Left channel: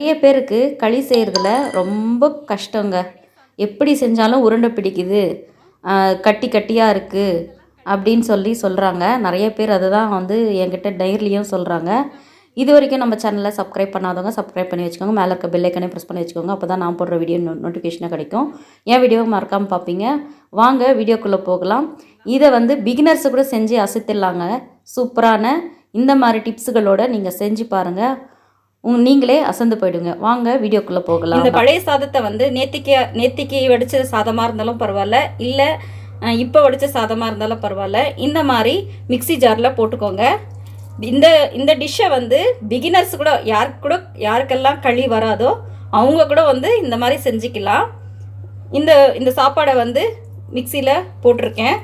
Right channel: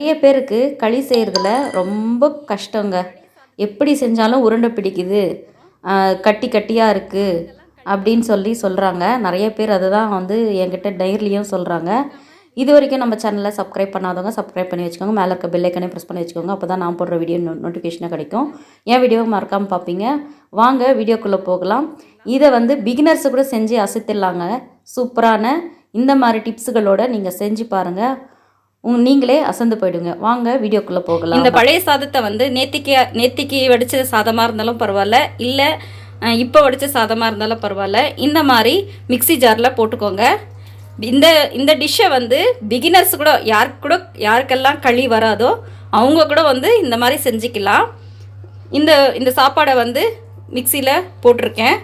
நிறைய பேருக்கு களி செய்கிறதுல ரொம்ப கஷ்டங்க. எப்படி செஞ்சாலும் உருண்டை பிடிக்குது. கட்டி கட்டியாக இருக்குது அப்படின்னு சொல்லி சொல்கிறாங்க நிறைய பேர் அதை தான் வந்து என்கிட்ட டைரிலையும் சொல்கிறாங்க இது வரைக்கும் நம்ம சேனலை சப்ஸ்கிரைப் பண்ணாதவங்க சப்ஸ்கிரைப் பண்ணி வச்சுக்கோங்க. மேலே இருக்க பெல் ப்ரெஸ் பண்ணி வச்சுக்கோங்க. அப்போ தான் நான் போடுற வீடியோ நோட்டிஃபிகேஷனாக கிடைக்கும். என் வீடியோவை மறக்காமல் பார்ப்பீங்க. வாங்க வீடியோக்குள்ளே போகலாம். இதை வந்து பிகினர்ஸு கூட செஞ்சு அசைத்திடலாங்க. சூப்பரான இந்த மாதிரி டிப்ஸுகளோடு நீங்கள் செஞ்சு பாருங்கள் உங்க நீங்களே அசந்து போயிடுங்க. வாங்க வீடியோக்குள்ளே போகலாம். இந்த பழைய சாதத்தை வந்து நேத்திக்கு நேத்திக்கு வடித்த சாதமாக இருந்தாலும் பரவாயில்ல. இல்லை இப்போ வடித்த சாதமாக இருந்தாலும் பரவாயில்ல. இந்த மாதிரி மிக்ஸி ஜாரில் போட்டுக்கோங்க. இந்த இந்த டிஷ்ஷை வந்து பிகினர்ஸ் கூட யாருக்கு கூட யாருக்கெல்லாம் களி வராதோ அவங்க கூட வந்து இந்த மாதிரி செஞ்சுக்கலாம். இந்த இந்த சாப்பாடை வந்து மிக்சியில் போட்டிருக்கேன்.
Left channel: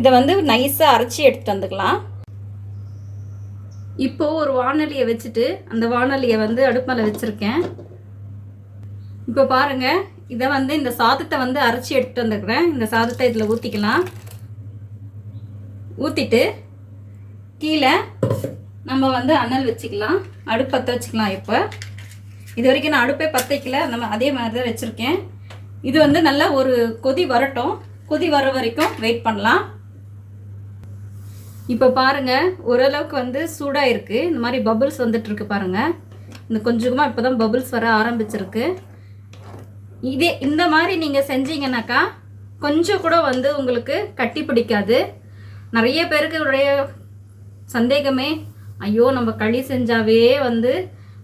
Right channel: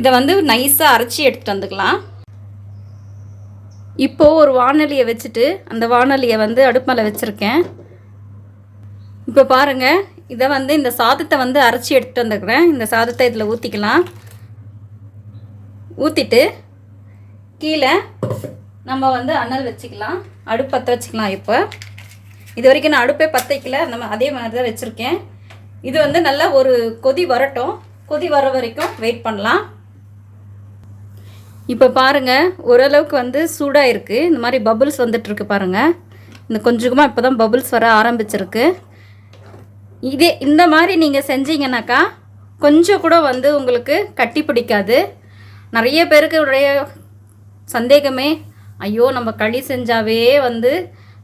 இதை வந்து நைஸாக அரைச்சி எடுத்துகிட்டு வந்துக்கலாம். இப்போது ஒரு வானொலியை வச்சுட்டு அந்த வானொலியை வந்து அடுப்பு மேலே வச்சுருக்கேன். இப்போ பாருங்கள் இதை வந்து இந்த சாதத்தை வந்து அரைச்சி எடுத்துகிட்டு வந்துக்கிறேன். இந்த சாதத்தை இதில் ஊற்றிக்கலாம் ஊற்றிட்டு கீழே நம்ம வந்து அனல் வச்சுக்கலாம். அடுப்பு பற்ற வச்சுக்கலாம் இப்போ. இது வரைக்கும் நான் அடுப்பே பற்ற வைக்கல நம்ம அதே மாதிரி தான் வச்சுருக்கேன். இது வந்து நல்லா ஒரு கொதி வரட்டும். கொதி வர வரைக்கும் வெயிட் பண்ணலாம். இப்போ பாருங்க ஓரளவுக்கு வந்து சூடாக இருக்குது இந்த மாதிரி பபுள்ஸ் வந்துட்டுருக்கு பாருங்க. இந்த கொஞ்சமாக இப்போ தான் பபுள்ஸ் வர ஆரம்பிச்சிருக்கு. இதே இந்த மாதிரி நீங்கள் செஞ்சீங்கன்னாக்கா கொஞ்சம் கூட வந்து உங்களுக்கு கட்டி பிடிக்காது. நிறைய பேருக்கு உடைய சந்தேகமே ஐயோ நம்ம களி செஞ்சாவே வந்து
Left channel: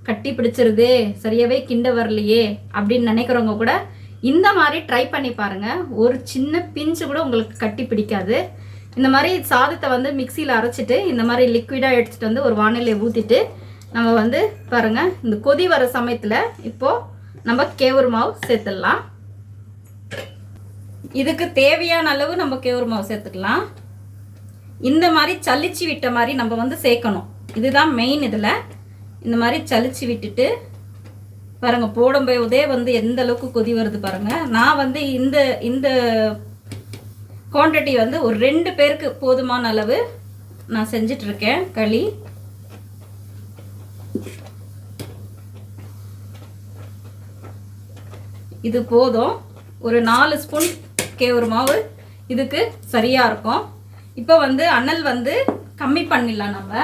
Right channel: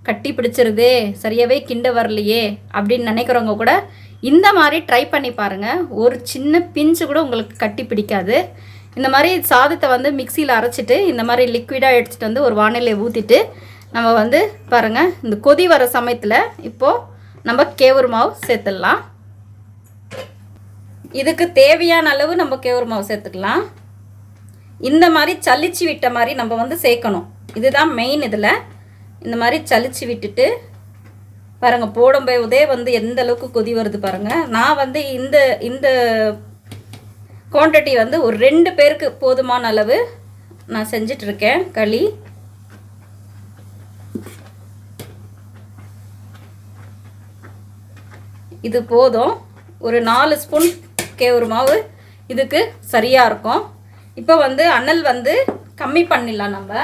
கட்டி பிடிச்சிருதே சரியாகவே கிண்ட வரலையே அப்படின்னு நினைக்கிறவங்க கூட இந்த மாதிரி ட்ரை பண்ணி பாருங்கள் ஒரு சின்ன பிஞ்சு கூட உங்களுக்கு கட்டி பிடிக்காது. இந்த மாதிரி சாதத்தை வந்து மிக்சியில் அரைச்சிட்டு இந்த மாதிரி லிக்விடாக எடுத்துகிட்டு வந்து ஒரு வானிலையை ஊற்றிட்டு நம்ம வந்து பாருங்கள் இந்த கொதி வர சமயத்தில் இப்போது நம்ம கேவுரு மாவு சேர்த்துடலாம். இதுக்கு தேவையான அளவு நம்ம கேவுரு மாவு சேர்த்துக்கலாம். இந்த மாதிரி சளிச்சு விட்ட மாதிரி நம்ம வந்து சேர்க்கணும். இதுதான் மெயின் இதில். இந்த மாதிரி சளிச்சு விட்டுட்டு பாருங்கள் போடும்போதே வந்து எந்த அளவுக்கு கொதி வருது பாருங்கள் நான் வந்து இந்த இந்த குவான்டிட்டி வந்து ஒரு ரெண்டு பேருக்கு போதுமான அளவு நான் செஞ்சிட்டு இருக்கேன் களி. இது போதும். ஒரு நாலு ஸ்பூன் கேவுரு மாவு. இதுக்கு சரியாக இருக்கும். இப்போ வந்து அனல் வந்து கம்மி பண்ணிடலாம் நம்ம.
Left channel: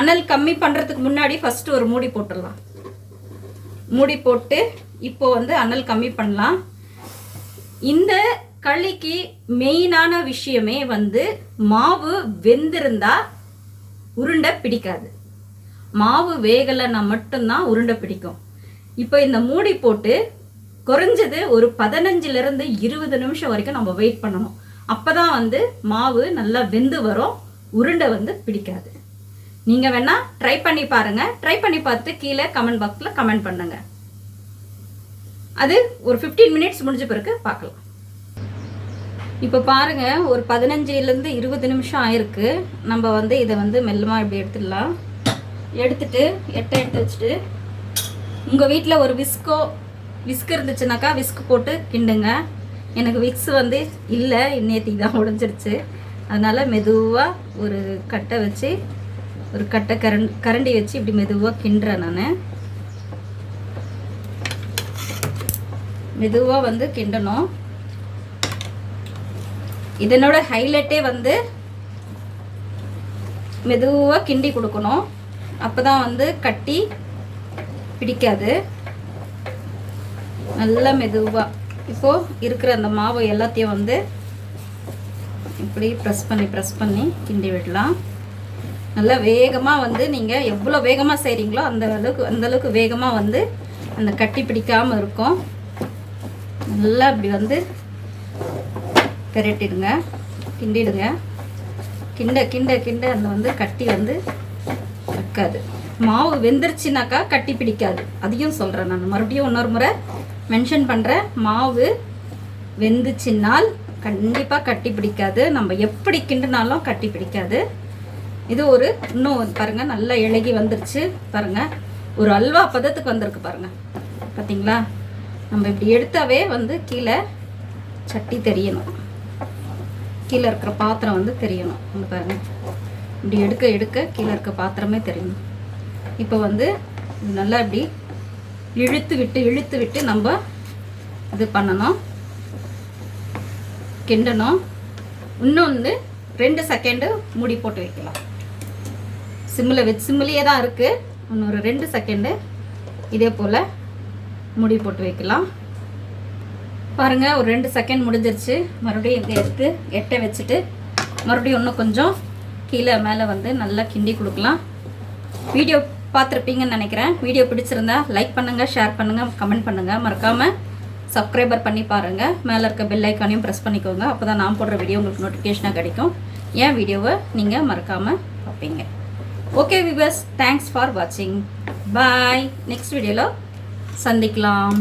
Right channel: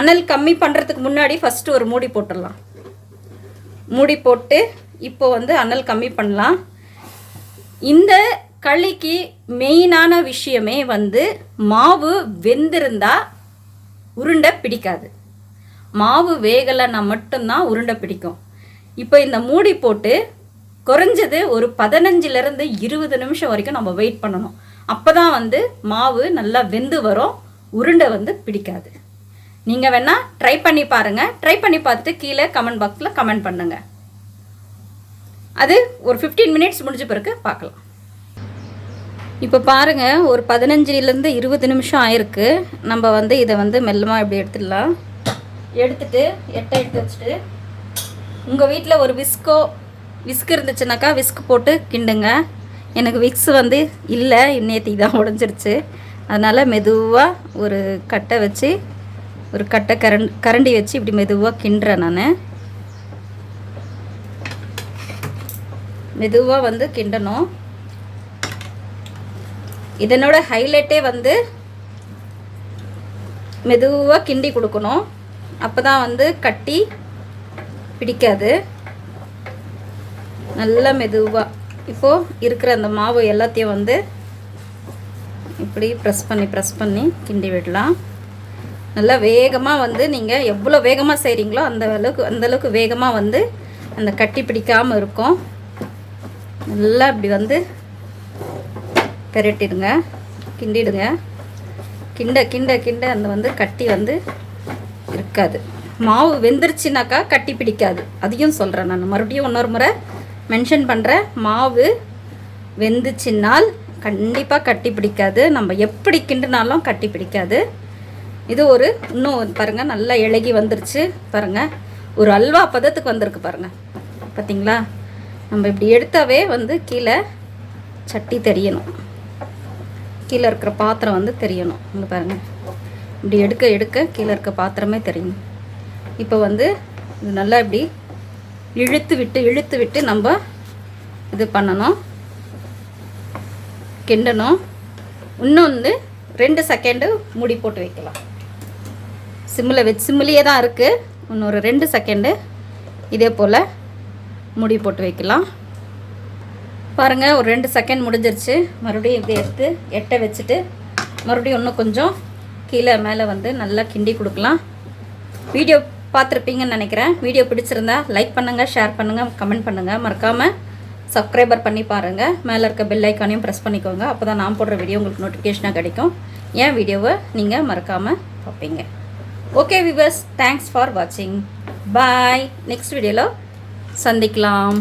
அனல் கம்மி பண்ணுறதுக்கு முன்னாடி ஃபஸ்ட்டு ஒரு மூடி போட்டுடலாம். மூடி போட்டு இப்போ வந்து அனல் கம்மி பண்ணலாம். இந்த களிக்கு மெயினான விஷயமே வந்து மாவு வெந்திருந்தா உருண்டை பிடிக்காது. மாவு வேகலைன்னா மட்டும்தான் உருண்டை பிடிக்கும். இப்போ இந்த மூடி போட்டு குறைஞ்சது ஒரு பதினஞ்சுலேருந்து இருபது நிமிஷம் வரைக்கும் நம்ம வெயிட் பண்ணணும். அப்போ தான் வந்து மாவு நல்லா வெந்து வரும் உருண்டை வந்து பிடிக்காது. நீங்கள் வேணால் ட்ரை பண்ணி பாருங்கள் ட்ரை பண்ணி பார்த்து கீழே கமெண்ட் பாக்ஸில் கமெண்ட் பண்ணுங்கள் அது ஒரு ஃபிஃப்டீன் மினிட்ஸ் முடிஞ்ச பிறகு பார்க்கலாம். இப்போ பாருங்கள் ஒரு பதினஞ்சுலேருந்து இருபது நிமிஷம் ஆயிருக்கு. நம்ம வந்து இதை வந்து மெல்லமாக இப்படி எடுத்துடலாம். எடுத்துட்டு எட்டை எடுத்து வச்சுட்டு உங்கள் வீட்டில் ஒரு விஸ்கோ விஸ்க் இருந்துச்சுனாக்கா விஸ்க் போட்டு கிண்டுங்க. எனக்கு விக்ஸ் வந்து இல்லை நேற்றுக்கு தான் உடஞ்சிருச்சு. அதனால் மெதுவாக ஒரு கட்டை வச்சு ஒரு கட்டை கரண் கரண்டி வச்சு இப்படி மெதுவாக கிண்டுறேன் நான். மெதுவாக வந்து கிண்டணும். இதனோட ஹைலைட்டே வந்து மெதுவாக கிண்டி கொடுக்கணும். அப்போ தான் வந்து கட்டி பிடிக்காது. நல்லா மெதுவாக இப்போது இருக்கிற அந்த மாவு எல்லாத்தையும் வந்து இப்படி ப்ரெஸ் பண்ணி ப்ரெஸ் பண்ணி கிண்டி விடலாம். நல்லா வேகமாக வந்து நீங்கள் எவ்வளோ வேகமாக செய்கிறீங்களோ அந்த அளவுக்கு அந்த அளவுக்கு வேகமாக வந்து அந்த கட்டி பிடிக்காமல் இருக்கும். நல்லா இப்படி வந்து பெரட்டிடுங்க. கிண்டிடுங்க. கிண்ட கிண்ட கிண்ட அந்த வந்து கட்டி வந்து இருக்காது மாவு வெந்துருச்சுனாக்கா கட்டி பிடிக்காது. அதையும் சொல்கிறேன் நான். மறுபடியும் இன்னொரு முறை மென்ஷன் பண்ணுறேன் மாவு வெந்துச்சுன்னால் கண்டிப்பாக கட்டி பிடிக்காது. நம்ம எப்படி கிண்டுனாலும் கட்டி பிடிக்காது. இது ஒரு இன்னும் பாருங்கள் நல்லா இழகி வந்துருச்சு. பாருங்கள் ஒரு அல்வா பதத்துக்கு வந்திருக்கு பாருங்கள் பார்த்தீங்களா நம்ம இப்படி எடுத்தாவே வந்து கீழே சட்டி தெரியணும். கீழே இருக்கிற பாத்திரம் வந்து தெரியணும். இங்க பாருங்கள் இப்படி எடுக்க எடுக்க கீழே இருக்க பாத்திரமே தெரியணும். இப்போ வந்து நல்லா இப்படி இழுத்து விட்டு இழுத்து விட்டு நம்ம இது பண்ணணும். கிண்டணும். இன்னும் வந்து ரெண்டு செகண்டு மூடி போட்டு வைக்கலாம். சிம்மில் வச்சு சிம்மிலேயே தான் இருக்குது இன்னொரு ரெண்டு செகண்டு இதே போல் மூடி போட்டு வைக்கலாம். பாருங்கள் ஒரு ரெண்டு செகண்ட் முடிஞ்சிருச்சு. மறுபடியும் இப்படி எடுத்து எட்டை வச்சுட்டு மறுபடியும் இன்னும் கொஞ்சம் கீழே மேலே வந்து நல்லா கிண்டி கொடுக்கலாம். வீடியோ பார்த்துருப்பீங்கன்னு நினைக்கிறேன். வீடியோ பிடிச்சிருந்தா லைக் பண்ணுங்கள் ஷேர் பண்ணுங்கள் கமெண்ட் பண்ணுங்கள் மறக்காமல் சப்ஸ்கிரைபர் பண்ணி பாருங்கள் மேலே இருக்க பெல் ஐக்கானையும் ப்ரெஸ் பண்ணிக்கோங்க. அப்போ தான் நான் போடுற வீடியோ உங்களுக்கு நோட்டிஃபிகேஷனாக கிடைக்கும். என் வீடியோவை நீங்கள் மறக்காமல் பார்ப்பீங்க. ஓகே விவர்ஸ் தேங்க்ஸ் ஃபார் வாட்சிங் பாய் நெக்ஸ்ட் வீடியோவில் சந்திக்கலாம்.